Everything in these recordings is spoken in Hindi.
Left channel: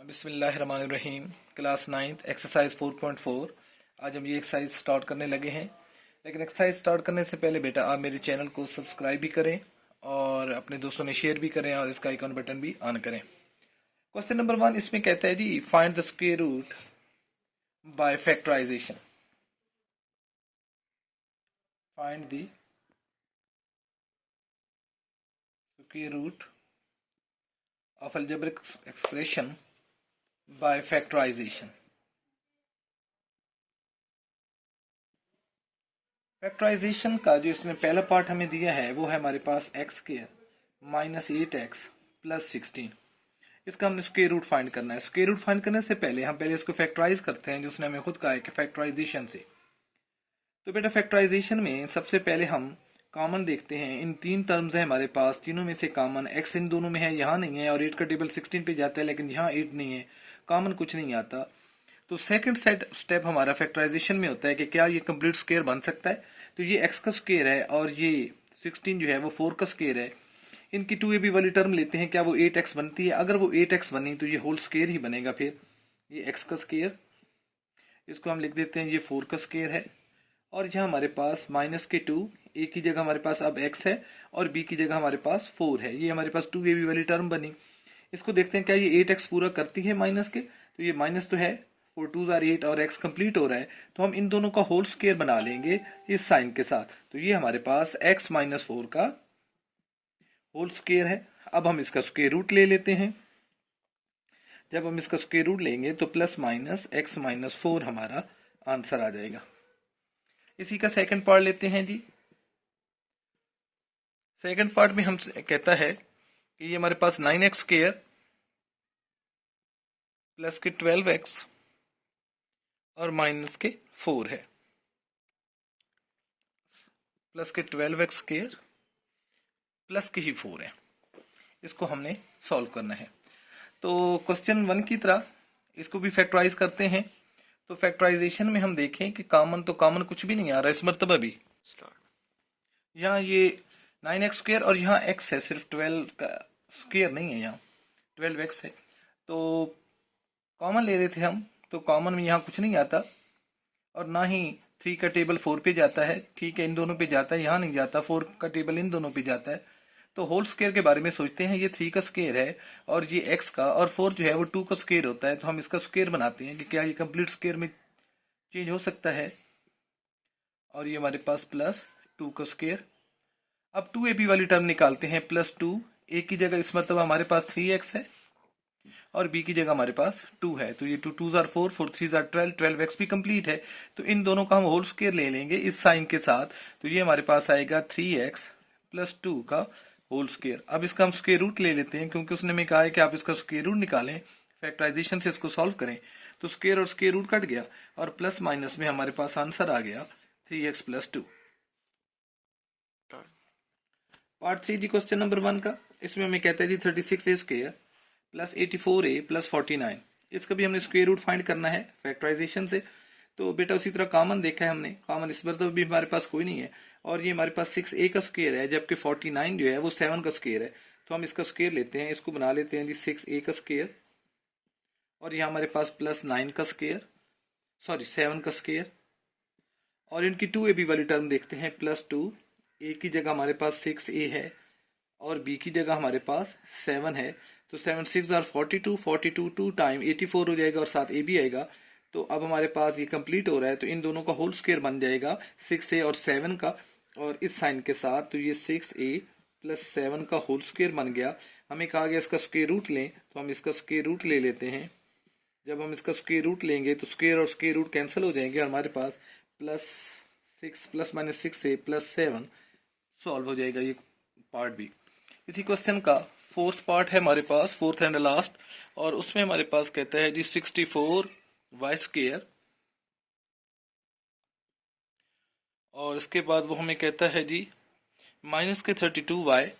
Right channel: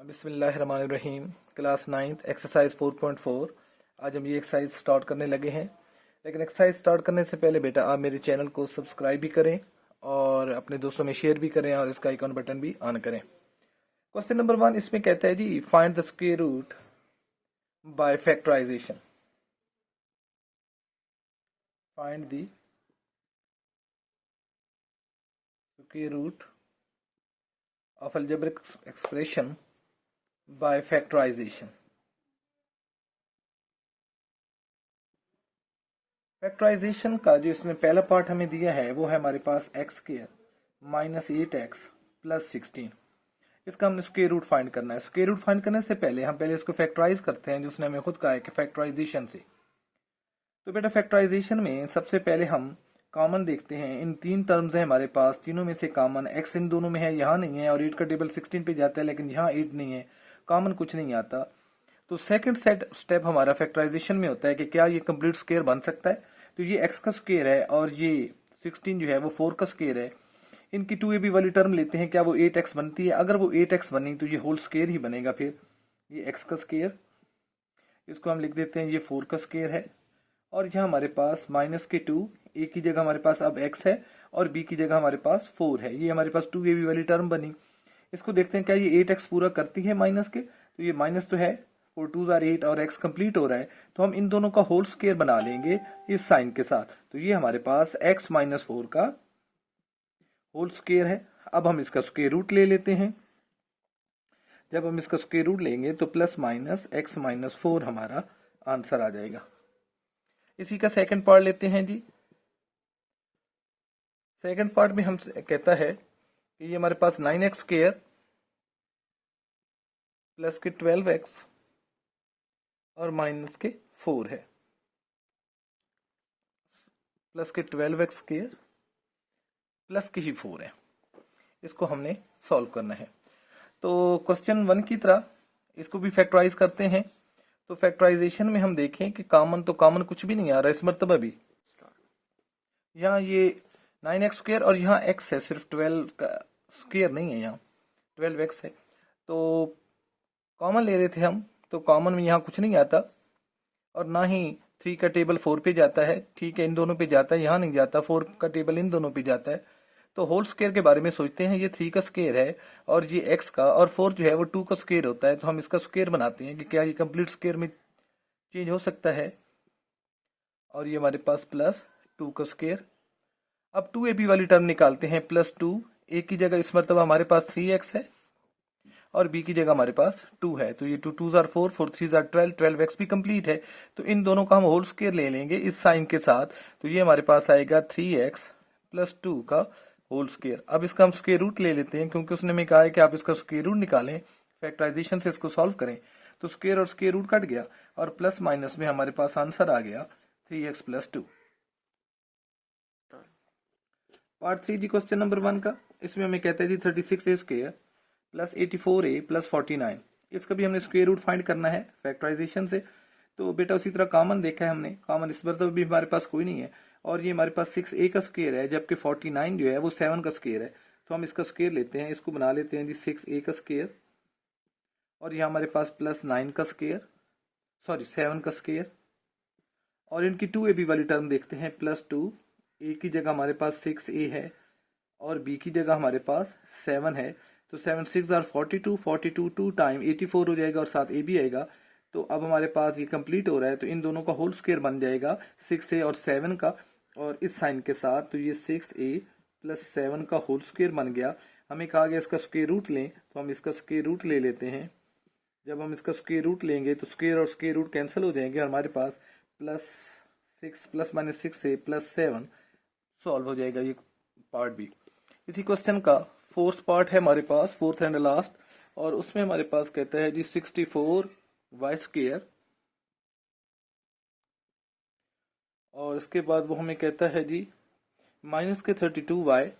बिस्मिल्लाहिर्रहमानिर्रहीम। Class 9th exercise 4.4। आज हम ये एक्सरसाइज स्टार्ट करने लगे हैं, लेकिन एक्सरसाइज स्टार्ट करने से पहले बेटा आप मेरे चैनल को सब्सक्राइब भी करें और अपने दोस्तों में शेयर भी करें और इसका आइकॉन बटन भी ऑन करें। क्वेश्चन नंबर 1 इसमें कहता है जी find the square root by factorisation. Find the square root of algebraic expression by factorisation. Factorisation का जो इसमें पहला पार्ट हमें दिया है वो है हमारे पास X square minus 8x plus 16। इसका हमने स्क्वायर रूट फाइंड करना है। स्क्वायर रूट फाइंड करने से पहले हम इसको फैक्टराइज करते हैं, जिसने हमें खुद कहा है कि फैक्टराइजेशन से। तो बेटा फैक्टराइजेशन में सबसे पहले हम कॉमन देखते हैं। इन तीन टर्म्स है हमारे पास, तीनों में से कॉमन x इन दोनों में है, यहाँ नहीं है, और 8 का टेबल 16 पे जाता है लेकिन यहाँ 8 नहीं है, कॉमन कुछ नहीं आता। तो सेकंड स्टेप हमारा फैक्टराइजेशन में होता है कि क्या ये कंप्लीट स्क्वायर बन सकता है। तो ये x का स्क्वायर है और ये 16 जो है वो 4 का स्क्वायर है। इनकी 2ab वाली टर्म लेते हैं, क्या वो 8x बनती है? अगर वो 8x बनी तो ये होल स्क्वायर ही बनेगा। फिर ये x का स्क्वायर, इसको हम लिख देते हैं ये 4 का स्क्वायर है, और यहाँ हमारे पास माइनस के 2, a की जगह हमारे पास अब x है और b की जगह हमारे पास 4 है। ये हमारे पास 2ab वाली टर्म बनी। इसको देखते हैं क्या ये 8x पूरा करती है माइनस के। तो ये माइनस तो है, 4 2s are 8 और x कंप्लीट हो रहा है, तो हम इन दोनों का होल स्क्वायर बना लेंगे इस साइन के साथ। तो ये हमारे पास x माइनस 4 का होल स्क्वायर है। अब हम इसका स्क्वायर रूट ले लेते हैं। जब हम इसका स्क्वायर रूट लेंगे तो प्लस माइनस x माइनस 4 हमारा आंसर आ जाएगा। इसी का सेकंड पार्ट लेते हैं जी। सेकंड पार्ट में हम कहता है कि ये हमारे पास 9x स्क्वायर प्लस के 12x और माइनस के 4 है, प्लस के 12x स्क्वायर प्लस के ही 4 है। इसको हमने सॉल्व करना है। तो क्वेश्चन 1 की तरह इसको भी फैक्टराइज करते हैं। तो फैक्टराइजेशन में हम देखें कि कॉमन तो कॉमन कुछ भी नहीं आ रहा इस मरतबा भी। यहाँ ये 9x स्क्वायर और यहाँ x है, सिर्फ 12 का स्क्वायर नहीं है, यहाँ 12x है। तो कॉमन ले रहे थे हम, तो कॉमन में यहाँ कुछ नहीं आता और ना ही 3 का टेबल 4 पे जाता है। ठीक है, इन दोनों पे जाता है, यहाँ नहीं जाता। 4 का टेबल इन दोनों पे जाता है। तो होल स्क्वायर के बारे में सोचते हैं। ये 3 का स्क्वायर है और ये x का, और 4 जो है वो 2 का स्क्वायर होता है। तो हम इसका स्क्वायर बनाते हैं कि क्या ये कंप्लीट स्क्वायर में चेंज हो सकता है। और ये हमारे पास प्लस 2 का स्क्वायर। अब 2ab वाली टर्म निकालते हैं, प्लस 2। a की जगह इस मरतबा हमारे पास 3x है और b की जगह हमारे पास 2 है। तो ये 2 2s are 4, 4 3s are 12, 12x भी कंप्लीट है। तो इन दोनों का हम होल स्क्वायर ले लेंगे इस साइन के साथ। तो ये हमारे पास आएगा 3x प्लस 2 का होल स्क्वायर। अब इसका हम स्क्वायर रूट ले लेते हैं, क्योंकि उसने हमें कहा है कि आप इसका स्क्वायर रूट निकालें, फैक्टराइजेशन से इसको सॉल्व करें। तो स्क्वायर और स्क्वायर रूट कट गया और प्लस माइनस में हमारे पास आंसर आ गया 3x प्लस 2। पार्ट 3 जी क्वेश्चन नंबर 1 का। इसमें हमें कहता है जी 36a square plus 84a plus 49। इसका भी हमने स्क्वायर रूट फाइंड करना है फैक्टराइजेशन से। तो बेटा उसी तरह कॉमन देखा है हमने, कॉमन इस बार तो भी हमारे पास कोई नहीं है, और ये हमारे पास 6a का स्क्वायर है, जबकि 49 जो है वो 7 का स्क्वायर है। तो हम इसका स्क्वायर लेते हैं, इसको बना लेते हैं जी 6a का स्क्वायर, और यहाँ हमारे पास प्लस 9 का स्क्वायर, सॉरी 7 का स्क्वायर। और इनकी 2ab वाली टर्म देखते हैं, प्लस 2। a की जगह हमारे पास 6a है और b की जगह हमारे पास 7 है। तो 7 6 are 42, 42 2 टाइम 84 हो जाएगा और साथ a भी आएगा। तो अब हमारे पास ये कंप्लीट हो रहा है, तो इन दोनों का होल स्क्वायर बन जाएगा 6a और 7 का, और इस साइन के साथ। तो ये 6a प्लस 7 का होल स्क्वायर बन गया। हमें कहा गया इसका स्क्वायर रूट लें, तो हम इसका स्क्वायर रूट ले लेते हैं। जब हम इसका स्क्वायर रूट लेंगे तो स्क्वायर और स्क्वायर रूट कैंसिल हो जाएंगे और हमारे पास plus 6 plus minus 6a plus 7 solve हो जाएगा ये पार्ट भी। इसी क्वेश्चन का फोर्थ पार्ट है हमारे पास, फोर्थ एंड लास्ट, और उसमें हमारे पास कहता है जी 64y स्क्वायर, और इसके बाद वो हमें कहता है जी माइनस के 32y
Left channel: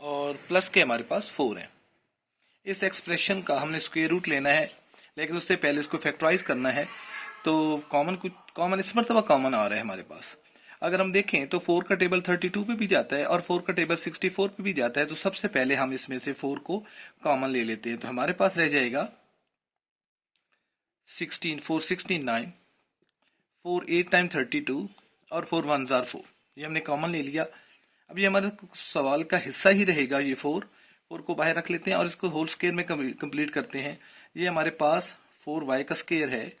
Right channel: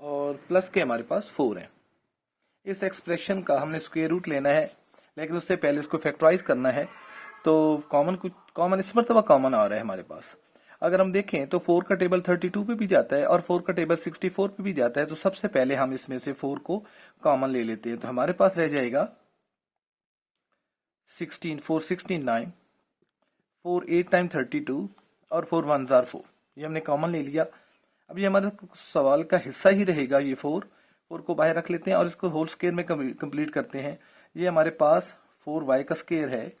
और प्लस के हमारे पास 4 है। इस एक्सप्रेशन का हमने स्क्वायर रूट लेना है, लेकिन उससे पहले इसको फैक्टराइज करना है। तो कॉमन इस मरतबा कॉमन आ रहा है हमारे पास। अगर हम देखें तो 4 का टेबल 32 पे भी जाता है और 4 का टेबल 64 पे भी जाता है। तो सबसे पहले हम इसमें से 4 को कॉमन ले लेते हैं। तो हमारे पास रह जाएगा 16, 4 16 9, 4 8 टाइम 32 और 4 1 जार 4। ये हमने कॉमन ले लिया। अब ये हमारे सवाल का हिस्सा ही रहेगा। ये 4 को बाहर रख लेते हैं और इसको होल स्क्वायर में कंप्लीट करते हैं। ये हमारे पास 4y का स्क्वायर है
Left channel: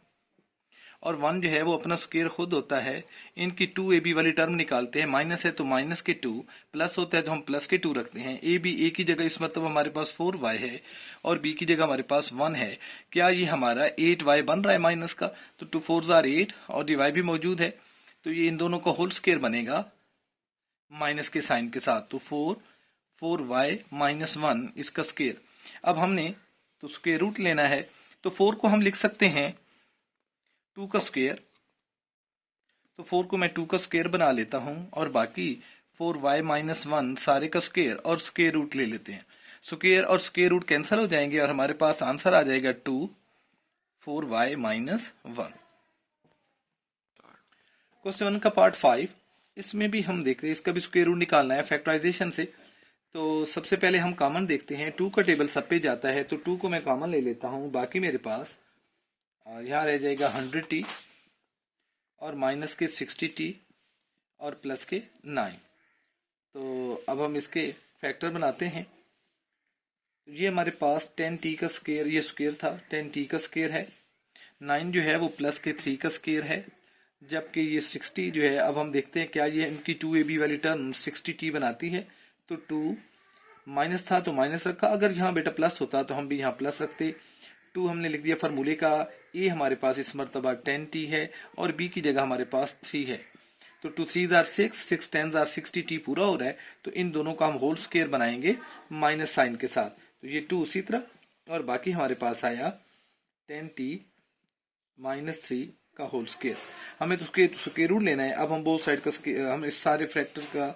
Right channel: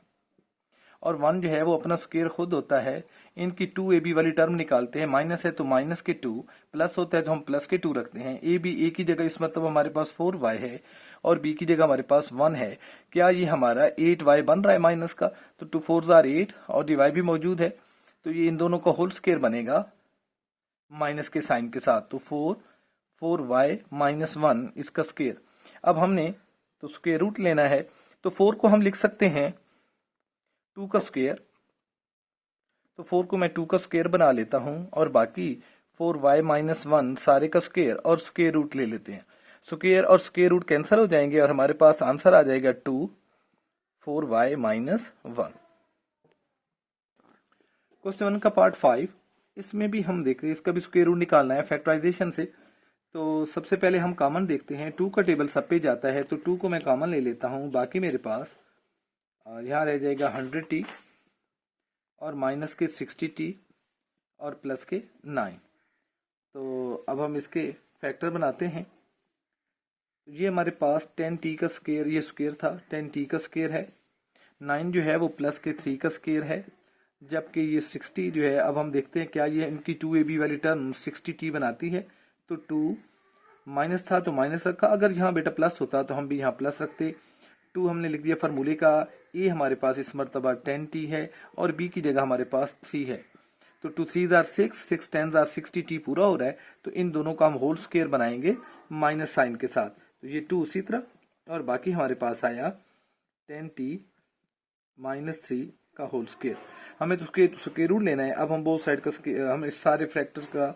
और 1 जो है वो अपना स्क्वायर खुद होता है। इनकी 2ab वाली टर्म निकालते हैं। माइनस है तो माइनस के 2, प्लस होता है तो हम प्लस के 2 रखते हैं। a की जगह इस मतलब हमारे पास 4y है और b की जगह हमारे पास 1 है। क्या ये हमारा 8y बन रहा है माइनस का? तो 2 4 जार 8 और y भी मौजूद है, तो ये इन दोनों का होल स्क्वायर बनेगा माइनस के साइन के साथ। तो 4y माइनस 1 इसका स्क्वायर। अब हमने तो स्क्वायर रूट लेना है, तो 4 को हम लिख सकते हैं 2 का स्क्वायर। तो 4 को मैं 2 का स्क्वायर बना लेता हूं और बाकी 4y माइनस 1 सारे का स्क्वायर और स्क्वायर रूट ले लेते हैं। स्क्वायर और स्क्वायर रूट कैंसिल हो जाएंगे और हमारे पास आंसर आ जाएगा 2 4y माइनस 1। क्वेश्चन का पार्ट 5, इसमें भी हम देख रहे हैं, इसका भी स्क्वायर रूट निकालना है फैक्टराइजेशन से। तो सबसे पहले हम कॉमन देखते हैं। 2 का टेबल सब पे जाता है तो 2 को मैं कॉमन ले लेता हूँ। बाकी मेरे पास यहाँ रह जाएगा 100t और माइनस के 60t और प्लस के 9। तो अब हम इसके फैक्टर बनाते हैं। ये हमारे पास 10t का स्क्वायर, ये स्क्वायर था 10t का स्क्वायर है। 9 जो है वो प्लस के 3 का स्क्वायर है, जबकि ये 60 जो है, अब हम देखते हैं क्या ये इनकी 2ab वाली टर्म 60t बनाती है। तो 2 माइनस था तो माइनस रखा, अगर यहाँ बेटा प्लस होता तो हम भी यहाँ प्लस रखते। 2 हमने लिख दिया फार्मूले का। ए हमारे पास इस मरतबा 10t है और बी की जगह हमारे पास 3 है। तो 2 3 जार 6, 6 10 जार 60t पूरा हो रहा है। तो इन दोनों का हम होल स्क्वायर बनाएंगे माइनस साइन के साथ। तो ये 2 उसी तरह और बाकी हमारे पास आया 10t माइनस 3 का होल स्क्वायर। हमें तो स्क्वायर रूट लेना है। अब हम बोथ साइड का हम इस सारे फैक्टर का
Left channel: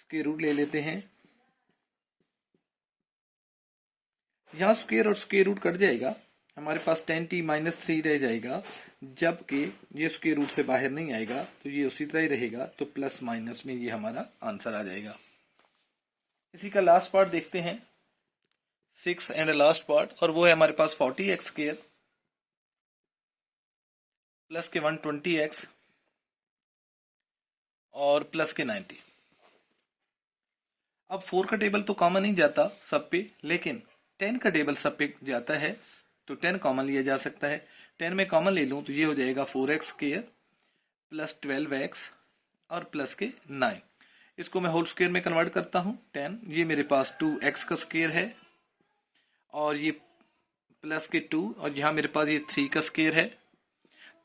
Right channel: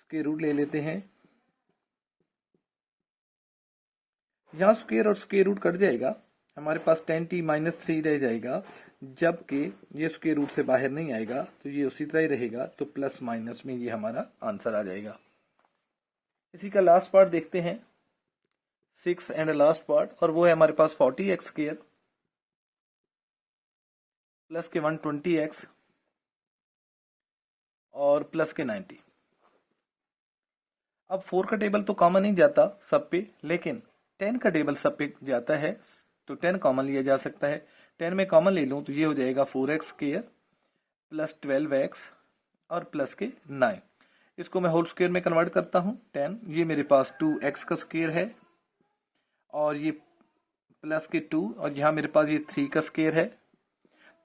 स्क्वायर रूट ले लेते हैं। यहाँ स्क्वायर और स्क्वायर रूट कट जाएगा, हमारे पास 10t माइनस 3 रह जाएगा, जबकि ये स्क्वायर रूट से बाहर नहीं आएगा तो ये उसी तरह ही रहेगा। तो प्लस माइनस में ये हमारा आंसर आ जाएगा। इसी का लास्ट पार्ट देखते हैं, 6 एंड लास्ट पार्ट, और वो है हमारे पास 40x स्क्वायर प्लस के 120x और प्लस के 90। अब 4 का टेबल तो कॉमन नहीं जाता सब पे, लेकिन 10 का टेबल सब पे जाता है तो 10 कॉमन लिया जा सकता है। 10 में कॉमन ले लूँ तो ये हो जाएगा 4x स्क्वायर प्लस 12x और प्लस के 9। इसको मैं होल स्क्वायर में कन्वर्ट करता हूँ 10। ये मेरे पास 2x का स्क्वायर है और ये प्लस के 2 और यहाँ मेरे पास ये 3 का स्क्वायर है।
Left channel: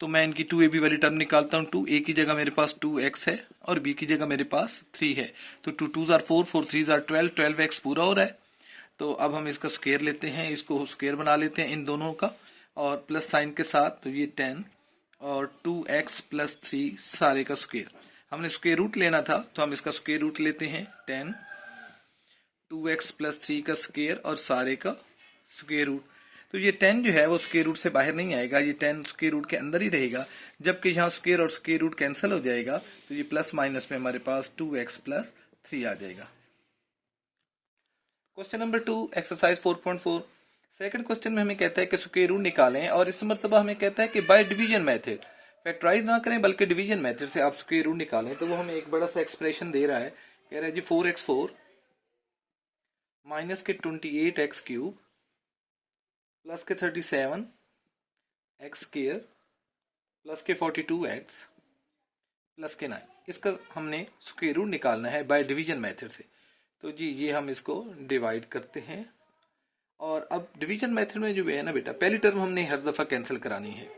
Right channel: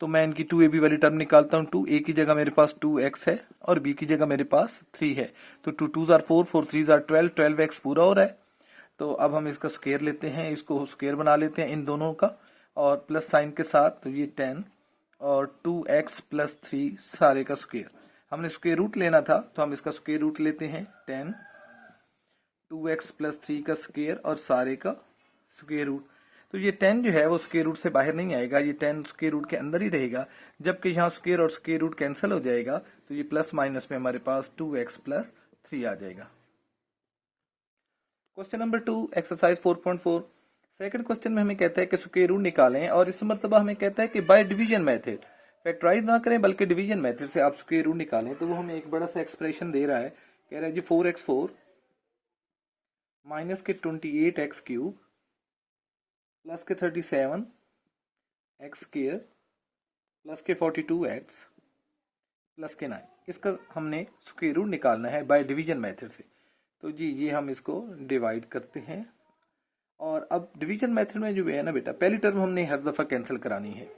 तो मैं इनकी 2ab वाली टर्म निकालता हूँ। 2a की जगह मेरे पास 2x है और b की जगह मेरे पास 3 है। तो 2 2 जार 4, 4 3 जार 12, 12x पूरा हो रहा है। तो अब हम इसका स्क्वायर लेते हैं, इसको स्क्वायर बना लेते हैं इन दोनों का और प्लस साइन के साथ। तो ये 10 और 2x प्लस 3 सारे का स्क्वायर। हमने स्क्वायर रूट लेना था तो हम इसका स्क्वायर रूट लेते हैं 10 2x प्लस 3 का स्क्वायर और सारे का स्क्वायर रूट। तो ये 10 जो है वो स्क्वायर रूट से बाहर नहीं आएगा, ये 10 स्क्वायर रूट के अंदर ही रहेगा, जबकि यहाँ स्क्वायर और स्क्वायर रूट कैंसिल हो जाएगा। तो ये प्लस माइनस में हमारे पास 2x प्लस 3 आ जाएगा। Question number 2 exercise 4.4। Second question में हमें कहता है कि स्क्वायर रूट निकालें और इस मरतबा हमें कहता है कि बाय डिवीजन मेथड, फैक्टराइज ना करें बल्कि डिवीजन मेथड से आप स्क्वायर रूट निकालें। तो वो हमें एक बड़ा सा एक्सप्रेशन दे रहा है, कह रहा है जी 4x4 माइनस के 28x क्यूब प्लस के 37 एक्स स्क्वायर प्लस के 42x प्लस के 9। इसका हमने स्क्वायर रूट निकालना है बाय डिवीजन मेथड से। तो जी ये हम इसको डिवाइड करते हैं और अब डिवीजन मेथड में जो है ना बेटा, पहली टर्म हमने हर दफ़ा कैंसिल करानी है।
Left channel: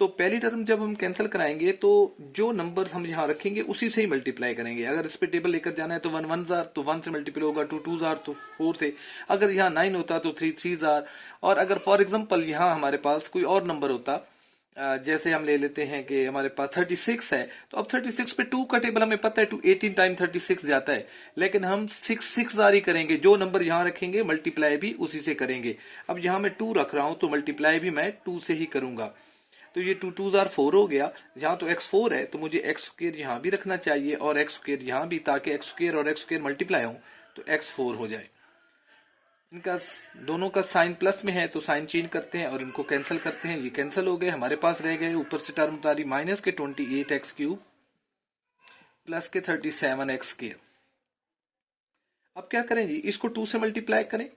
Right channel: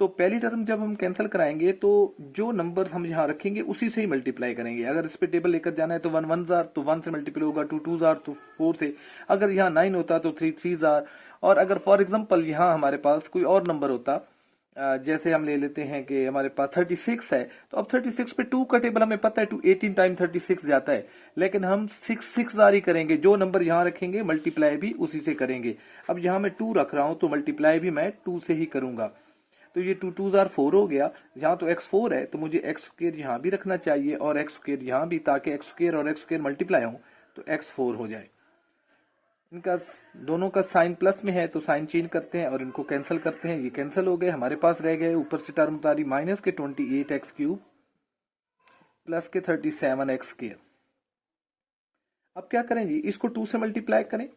तो पहली टर्म जब हम कैंसिल कराएंगे तो जो नंबर हम यहाँ रखेंगे उसी से ही मल्टीप्लाई करेंगे। अगर इस पे टेबल लेकर जाना है तो 1 1 जार तो 1 से मल्टीप्लाई होगा, 2 2 जार तो 4 से, अगर यहाँ 9 होता तो 3 3 जार। और अगर फॉर एग्जाम्पल यहाँ हमारे पास कोई और नंबर होता, जैसे हम ले लेते हैं कि हमारे पास 36 है, तो अब 36 पे 2 का टेबल हमें पता है 2 18 टाइम 36 जाता है, लेकिन हम 6 6 जार ही करेंगे। जो नंबर यहाँ रखेंगे मल्टीप्लाई भी उसी से करेंगे। अब यहाँ मैं 2 रख रहा हूँ तो मल्टीप्लाई भी मैं 2 से ही करूंगा। तो ये 2 2 जार 4 हो गया। यहाँ तो x4 है तो मुझे एक्स स्क्र यहाँ भी रखना चाहिए और एक्स स्क्र यहाँ भी, ताकि एक्स स्क्र और एक्स स्क्र मल्टीप्लाई हो तो x4 हो जाए। इनका दोनों का साइन प्लस में है तो साइन चेंज करते हैं और इनको कैंसिल करते हैं। ये कैंसिल हो गए, हमारे पास रह गए ऊपर से टर्म उतारी माइनस के 28x³ प्लस के 37x²। अब क्या करें जी, इसको 2 से मल्टीप्लाई करें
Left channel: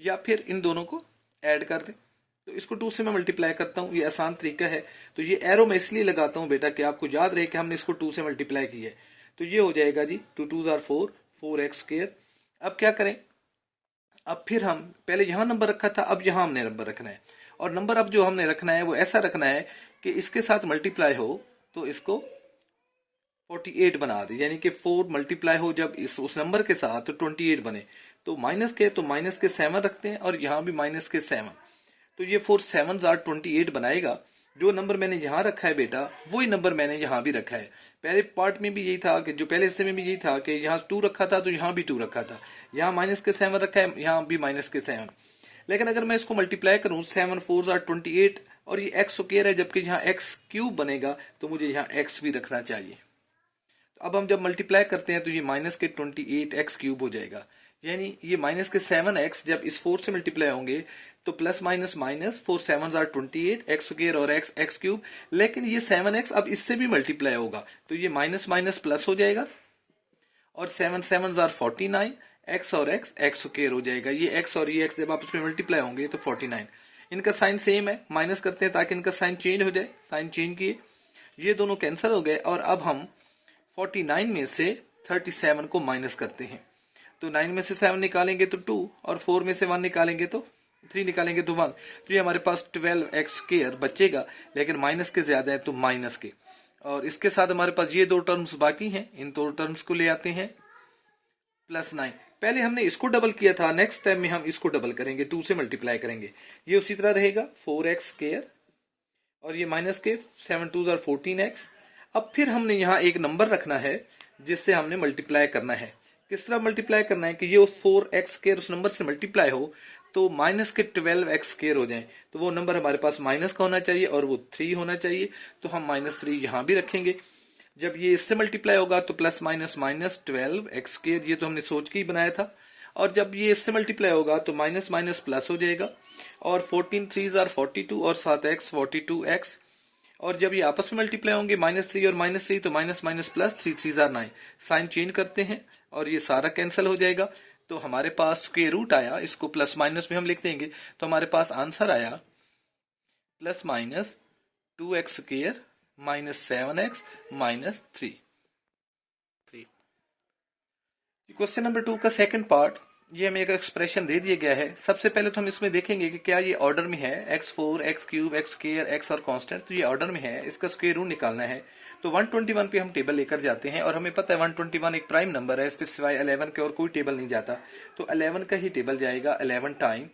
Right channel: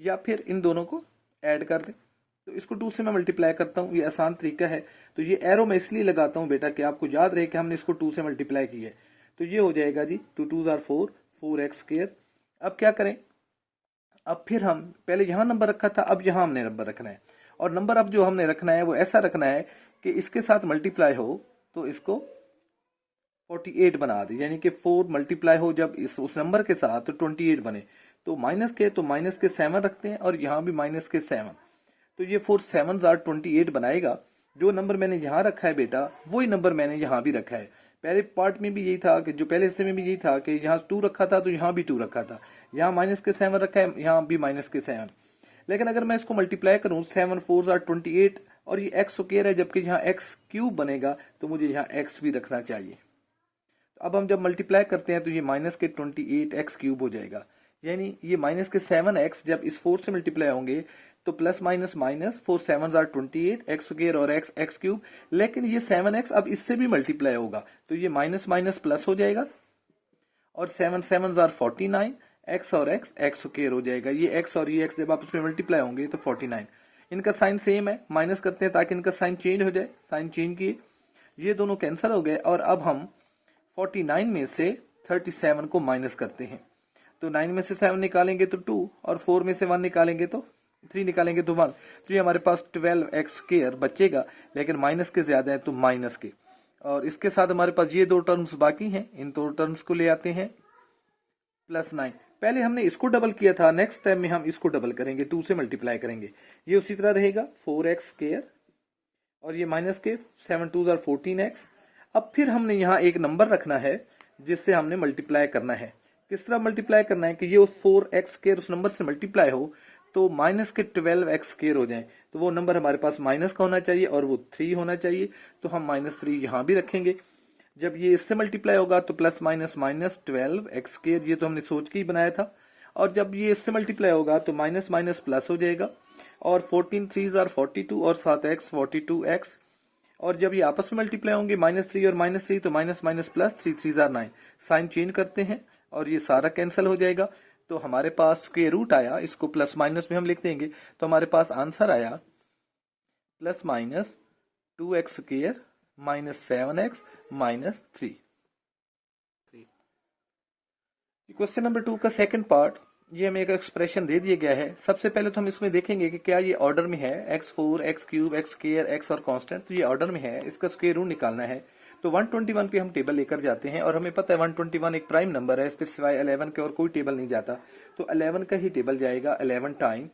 या फिर इन दोनों को ऐड कर दें। तो इसको 2 से मैं मल्टीप्लाई करता हूँ, ये आसान तरीका है। तो ये एरो मैं इसलिए लगाता हूँ बेटा कि आपको याद रहे कि हमने इसको 2 से मल्टीप्लाई किया है। तो ये हो जाएगा जी 2 2 जार 4, 4x²। अब क्या करें, अब फिर हम पहले यहाँ नंबर रखा था, अब यहाँ हमने नंबर रखना है। और नंबर अब जो हमने रखना है वो ऐसा रखना है कि इसके साथ मल्टीप्लाई हो तो इसको 48 बना दे, यानी कि 4 मल्टीप्लाई हो जब उस नंबर के साथ तो 28 बने। तो माइनस के 7 रखते हैं और यहाँ भी माइनस के 7। तो ये 4 7 जार 28 बनाएगा। जो नंबर मैंने यहाँ रखा है बेटा वही नंबर मैंने यहाँ भी रखा है। पहले पार्ट में भी यही था कि जो पहले हिस्से में भी यही था कि यहाँ 2 रखा था तो यहाँ भी 2 रखा था, यहाँ माइनस के 7 रखा है, यहाँ भी माइनस के 7। लेकिन अगर मैं इसको मल्टीप्लाई करूँ 7 4 जार 28 और ये एक्स स्क्वायर है जबकि यहाँ x³ बनेगा तो मुझे यहाँ x भी रखना चाहिए। तो अब हम जब मल्टीप्लाई करते हैं तो ये माइनस के 28x³ हो जाएगा, यानी ये माइनस के 7x जब इस 4 से मल्टीप्लाई होंगे तो plus minus minus 4 7 jar 28 x² और x³। लेकिन ये 7x अब इससे भी मल्टीप्लाई होगा तो ये माइनस माइनस प्लस हो जाएगा और 7 7 जार 49 x और x² हो जाएगा। ये x और ये x जब आपस में मल्टीप्लाई होंगे तो 49। इनका साइन सेम है, माइनस करते हैं ताकि इनका साइन चेंज हो जाए। साइन चेंज किए, ये दोनों कैंसिल हो गए और अब हम 49 में से 37 को माइनस करते हैं। तो 9 में से 7 निकालेंगे तो 2 और 4 में से 1 निकालेंगे तो 3 निकालेंगे तो 1। तो ये हमारे पास 12x² बचेगा, लेकिन माइनस के ज्यादा है तो माइनस के। और इसके साथ हमारे पास ये दो टर्म्स बाकी हैं, इन दो टर्म्स को ले आते हैं +9। पहले हमने इसको डबल किया था, नेक्स्ट टाइम में हम इसको डबल करेंगे, 2 से मल्टीप्लाई करेंगे। ये उसी तरह रहेगा 4x² और ये माइनस के 7 2 जार 14x। अब फिर हमने यहाँ एक नंबर रखना है जिससे हमने मल्टीप्लाई करना है। किस तरह मल्टीप्लाई करना है कि ये 4x² उस नंबर से मल्टीप्लाई हो तो माइनस के 12x² हो जाए। तो वो नंबर हमारे पास माइनस का होना चाहिए और वो 3 होना चाहिए। तो हम -3 यहाँ भी रखेंगे। जब ये इससे मल्टीप्लाई होगा तो प्लस माइनस माइनस 12x², ये तो हमने सोच के ही बनाया था। और जब ये इससे मल्टीप्लाई होगा तो माइनस माइनस प्लस हो जाएगा और 14 3 जार 42 और 7x 42x। और जब ये आपस में मल्टीप्लाई होंगे -3 और -3 तो माइनस माइनस प्लस 3 3 जार 9। साइन चेंज करते हैं और ये सारा कैंसिल हो जाएगा। तो हमारे पास स्क्वायर रूट आया, इसको प्लस माइनस में हम लिख देंगे तो हमारे पास आंसर आया +-2x² -7x -3। क्वेश्चन नंबर 2 का सेकंड पार्ट, ये हमें एक एक्सप्रेशन दे दिया गया है। सबसे पहले तो हम इसमें देखेंगे कि क्या ये ऑर्डर में है, x4 x³ x² x और कांस्टेंट। तो ये ऑर्डर में है, इसका स्क्वायर रूट निकालना है। तो 121 पे हम टेबल लेकर जाते हैं और हमें पता है 121 एक प्राइम नंबर है, इस पर सिवाय 11 के और कोई टेबल नहीं जाता। तो 11 का ही टेबल जाएगा 11 टाइम।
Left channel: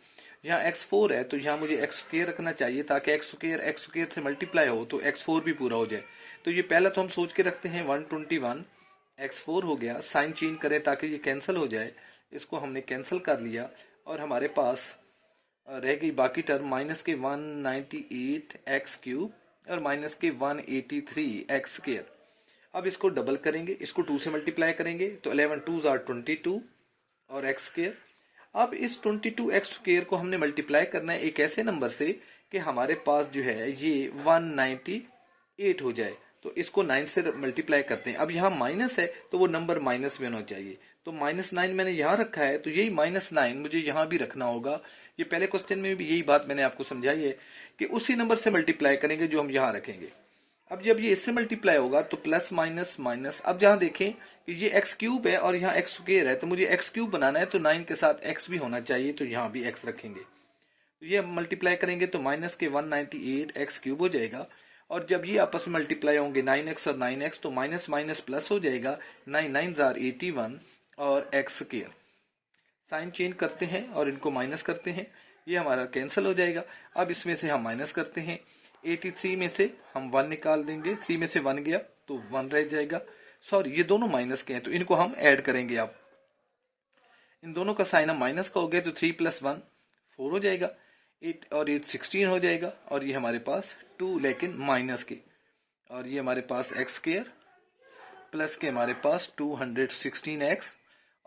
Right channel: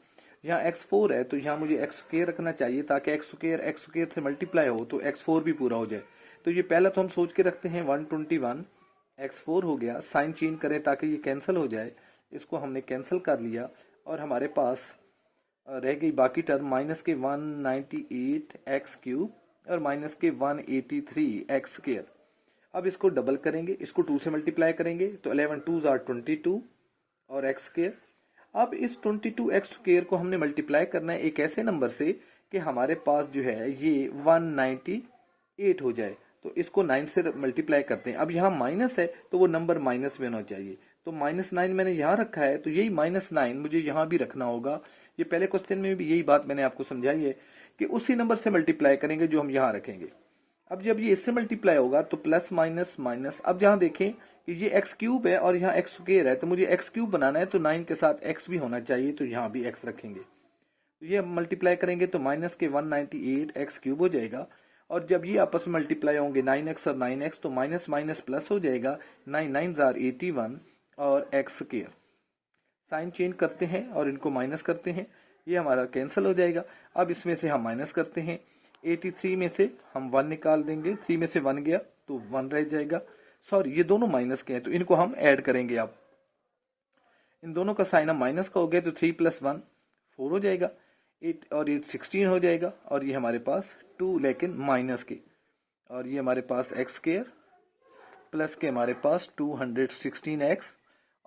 यहाँ x4 है तो यहाँ मुझे x² रखना चाहिए ताकि x² से मल्टीप्लाई हो तो x4 भी पूरा हो जाए। तो ये पहला तो हम सोच के रखते हैं 121 x4 हो गया। साइन चेंज करें ताकि ये कैंसिल हो जाए, इसको हमने कैंसिल कर लिया और हमारे पास रह गई बाकी टर्म माइनस के 198x³ और माइनस के 183x²। अब इसको डबल करेंगे, इसको 2 से मल्टीप्लाई करेंगे तो 11 2 जार 22 और x²। अब इस 22x² को हमने मल्टीप्लाई करना है एक ऐसे नंबर से कि हमारे पास जो है ये 198 हो जाए। तो इसको 9 से मल्टीप्लाई करते हैं। अब यहाँ माइनस है तो वो नंबर माइनस में होना चाहिए। तो -9 मैंने यहाँ रखा है तो यही -9 मुझे यहाँ भी रखना होगा। ये पहले क्वेश्चन में भी यही बात मैंने आपको समझाई है कि उसी नंबर से मल्टीप्लाई करेंगे जो हम यहाँ रखेंगे। अब जब ये इससे मल्टीप्लाई होगा तो प्लस माइनस माइनस। अब यहाँ देखें कि ये x³ है और यहाँ x² है तो मुझे x³ बनाना है तो 9 के साथ x भी होना चाहिए, तो यहाँ भी x रखेंगे। तो ये मल्टीप्लाई करेंगे तो माइनस के 198x³ हो जाएगा। और जब ये आपस में मल्टीप्लाई होंगे 9x और 9x तो माइनस माइनस प्लस हो जाएगा, 9 9 जार 81 और x²। साइन चेंज करते हैं और इनको माइनस करते हैं, ये हमारा कैंसिल हो जाएगा। अब इसमें से हम माइनस करते हैं, 83 में से हम 1 निकाल देंगे, 3 में से 1 गया तो 1 रह जाएगा। सॉरी ये दोनों माइनस के हैं तो इनको हम ऐड करेंगे। अब इन दोनों का साइन हम माइनस का हो गया तो 3 + 1 4 हो जाएगा। 8 और 8 16 हो जाएगा, और ये हमारे पास 2 लेकिन माइनस के, और ये हमारे पास एक्स स्क्वायर प्लस के हमारे पास 216x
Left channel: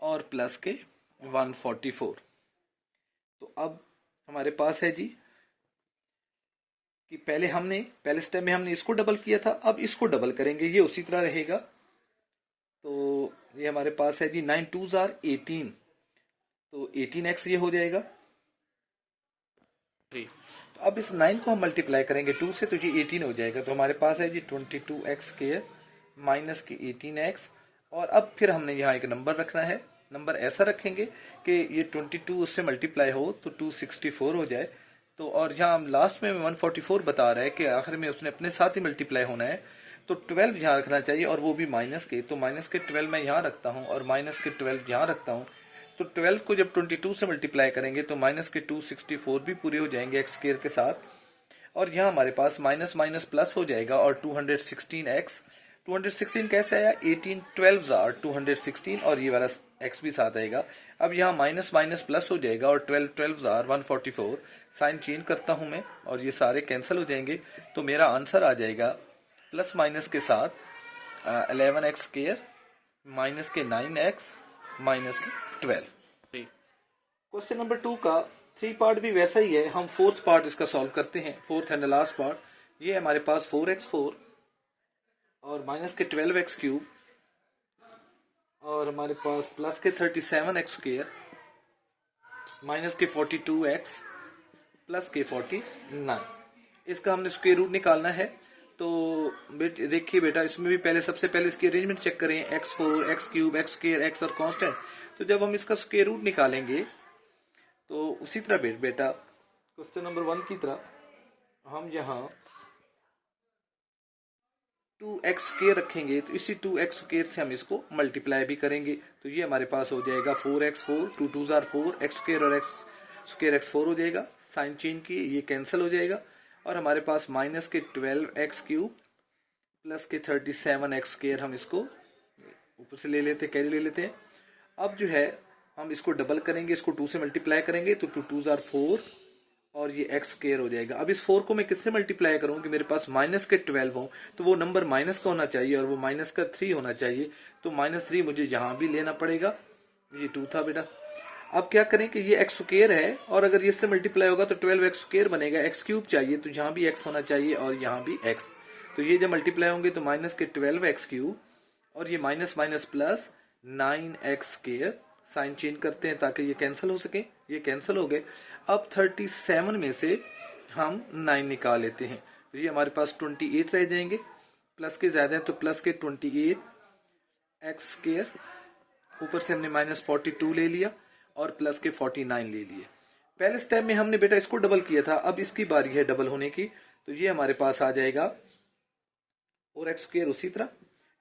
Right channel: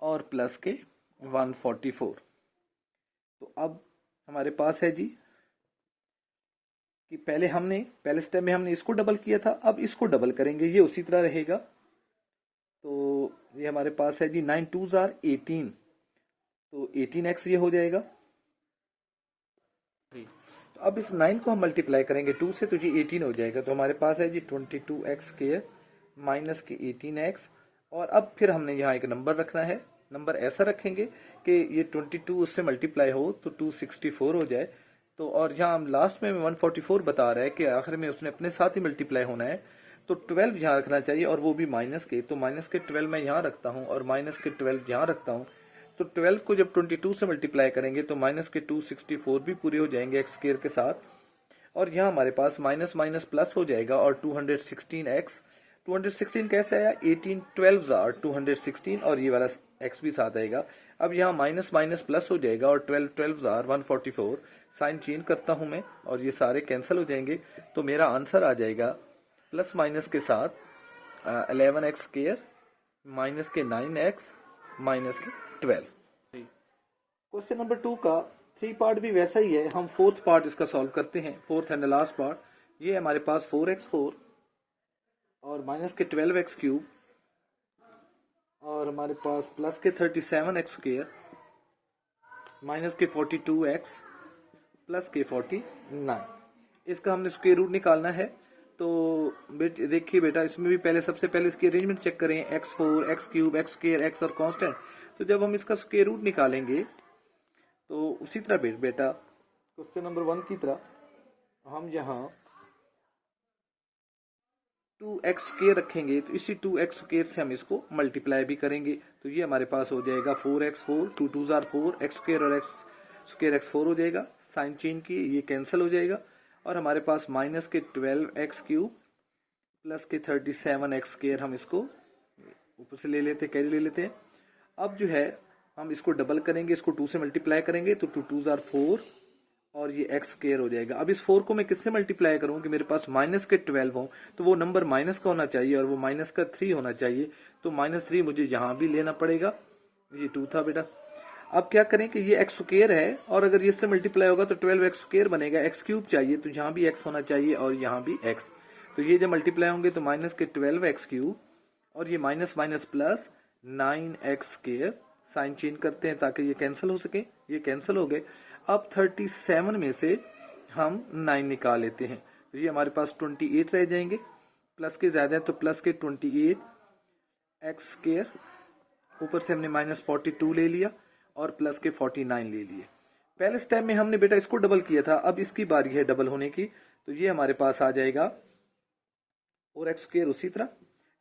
और प्लस के 144। तो अब हमारे पास है जी कि पहले स्टेप में हमने इसको डबल किया था, अब इसको डबल करेंगे, ये उसी तरह रहेगा। तो ये हमारे पास है जी 9 2s are 18, तो 18x ये हो जाएगा। तो अब इस 9 को हम मल्टीप्लाई करेंगे 2 से, तो ये 18 हो जाएगा। तो हमारे पास है जी 22x स्क्वायर माइनस के 18x, और अब फिर हमने यहाँ एक नंबर रखना है। नंबर ऐसा रखेंगे कि ये 22 उससे मल्टीप्लाई हो तो 264 हो जाए। तो और यहाँ हम लास्ट में 144 बता रहा है कि आखिर में उसने अपने साथ ही मल्टीप्लाई होना है, तो 12 यहाँ रखना चाहिए, और वो भी माइनस के। तो माइनस के 12 मैं यहाँ रखता हूँ और माइनस के 12 यहाँ रखता हूँ। तो 12 को जब 22 से मल्टीप्लाई करेंगे तो माइनस के 264 भी पूरे हो जाएंगे एक्स स्क्वायर के साथ, और यहाँ हमारे पास माइनस माइनस प्लस हो जाएगा, और 216x 216 कैसे आया, 18 12 आर 216, और ये वाला x भी साथ आएगा। अब यहाँ माइनस माइनस प्लस हो जाएगा, और 12 12 आर 144। साइन चेंज करता हूँ मैं, और ये सारे कैंसिल हो जाएंगे। तो मेरा आंसर आ जाएगा प्लस माइनस के साथ 11x स्क्वायर माइनस के 9x माइनस के 12। क्वेश्चन नंबर 2 का 3 पार्ट भी वैसा ही है। हम 4th पार्ट इसका सॉल्व करते हैं, 4th एंड लास्ट पार्ट। ये हमारे पास 4x4 और माइनस के 12x क्यूब, और हमारे पास प्लस के 37x स्क्वायर माइनस के 42x प्लस के 49। इसका हमने स्क्वायर रूट निकालना है। तो देखिए बेटा, इसमें भी पहले सबसे पहले इसकी अरेंजमेंट चेक करें, x4 x cube x square x और कांस्टेंट। तो जब हम इसका स्क्वायर रूट निकालेंगे तो उसी तरह बेटा क्वेश्चन नंबर 1 की तरह हम यहाँ 2x स्क्वायर रखेंगे, तो इसी 2x स्क्वायर से हम इसको मल्टीप्लाई भी करेंगे। तो ये हमारे पास हो जाएगा 4x4 2 2s are 4 x square और x स्क्वायर x4 हो जाएगा। साइन चेंज की ये कैंसिल हो जाएगा, और हमारे पास माइनस के 12x क्यूब प्लस के 37x स्क्वायर, हम इसको ऊपर से ले लेते, कैरी ले लेते हैं। अब जो है हम इसको डबल करेंगे, इसको 2 से मल्टीप्लाई करेंगे, तो 2 2s are 4 और ये x स्क्वायर हो जाएगा। अब इस 4 को मैं किससे मल्टीप्लाई करूं कि मेरे पास माइनस के 12 हो, तो वो नंबर माइनस का होना चाहिए, और वो माइनस का 3 होना चाहिए। तो -3 मुझे यहाँ भी लेना पड़ेगा। ये 2 था बेटा। अब क्या करें कि ये x स्क्वायर है, और अगर ये इससे मल्टीप्लाई होगा तो 12x स्क्वायर बनेगा, x क्यूब चाहिए, तो यहाँ भी x होना चाहिए और यहाँ भी x। तो ये जब मल्टीप्लाई होंगे तो माइनस के 12x क्यूब, और ये minus minus plus 9x square. Sign change करते हैं ताकि ये कैंसिल हो सके, ये कैंसिल हो गए। अब 37 में से हम 9 निकाल लेते हैं, तो ये हमारे पास 28 रह जाएंगे। प्लस के ज्यादा है तो प्लस के 28 एक्स स्क्वायर, ऊपर से हमने -42 ले लिया, और प्लस के 49 ले लिए। पहले स्टेप में हमने बेटा इसको डबल किया था, अब इसकी बारी है डबल होने की। तो ये हमारे पास आ जाएगा 4x स्क्वायर। उसी तरह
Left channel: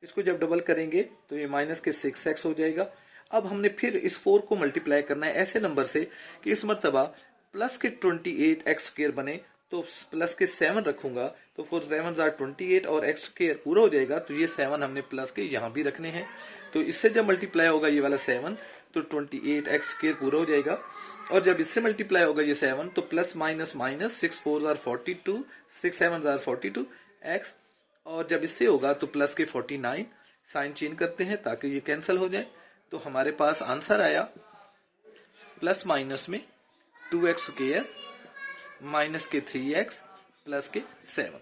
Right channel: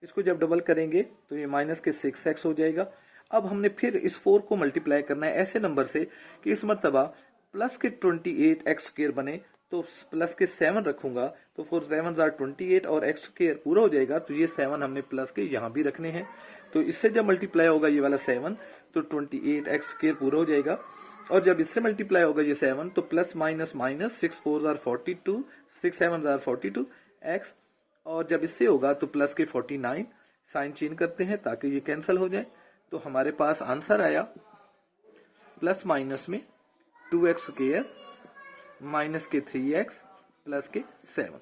इसको जब डबल करेंगे तो ये माइनस के 6x हो जाएगा। अब हमने फिर इस 4 को मल्टीप्लाई करना है ऐसे नंबर से कि इस मर्तबा प्लस के 28x स्क्वायर बने, तो प्लस के 7 रखूंगा, तो 4 7s are 28 और x स्क्वायर पूरा हो जाएगा। तो ये 7 हमने प्लस के यहाँ भी रखने हैं, तो इससे जब मल्टीप्लाई होगा ये वाला 7 तो 28x स्क्वायर पूरा हो जाएगा। और जब इससे मल्टीप्लाई होगा ये 7 तो plus minus minus 6 4s are 42 6 7s are 42 x, और जब इससे होगा तो प्लस के 49। साइन चेंज करते हैं ताकि ये कैंसिल हो जाए। तो हमारे पास आंसर आया प्लस माइनस में 2x स्क्वायर माइनस के 3x प्लस के 7।